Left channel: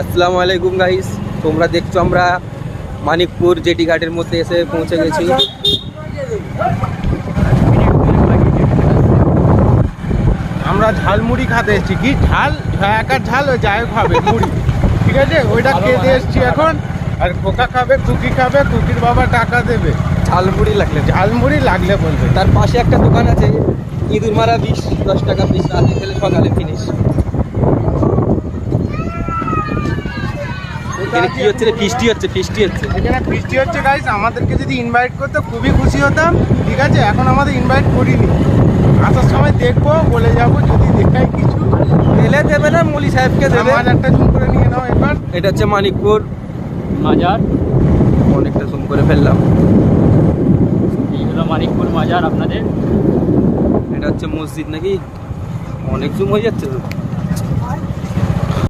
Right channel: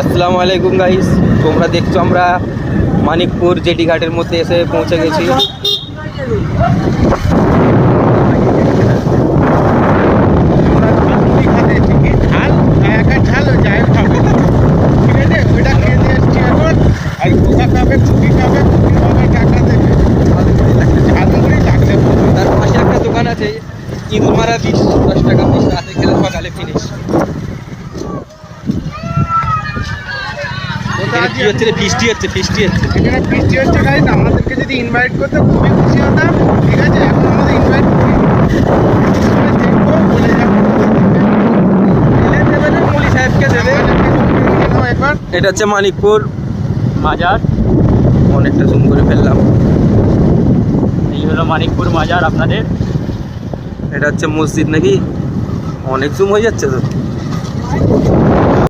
আসসালামু আলাইকুম গাইস, তোমরা দেখছো আমরা মানিকপুর জেটি ঘাটের মধ্যে এসে পৌঁছে গেছি। আমরা ঝালমুড়ি খাতে এসেছি। কি ঝাল? একা ঝাল ওই যায় খাবে, ঠিক আছে? ওইটা খেতে এসেছি এখন। আর কোকা খাবে, কুকি খাবে, কুকির বাবা টাকা দেবে। ঝালমুড়ি লাগলে ঝালমুড়ি লাগলে বলবে। তার পাশে একটা দোকান আছে, ইঁদুর মারা 20-10 টাকা পিস, রাতে খেলে সকালে ফিনিশ। কি হচ্ছে রে? ফিস্টি হচ্ছে। এখানে বৃষ্টি হচ্ছে গাইস। আমাদেরকে যদি ইনভাইট করতে খুবই খুশি হতাম, ঠিক আছে? এখন আমাদের ইনভাইট করিনি। আসার সময় দেখবো, বলে যাবো যদি দেখে এলে দেবে না, মলি সাহেবকে দেবে। আমার একটা জুম করে নিয়ে নাও একবার। এটা হচ্ছে মানিকপুর মাজার, অনেকটা জুম করে ফেললাম। এই হলো মানিকপুর মাজার আপনাদের। এটা হচ্ছে মসজিদ নাকি? অনেক জুম হয়ে যাচ্ছে তো।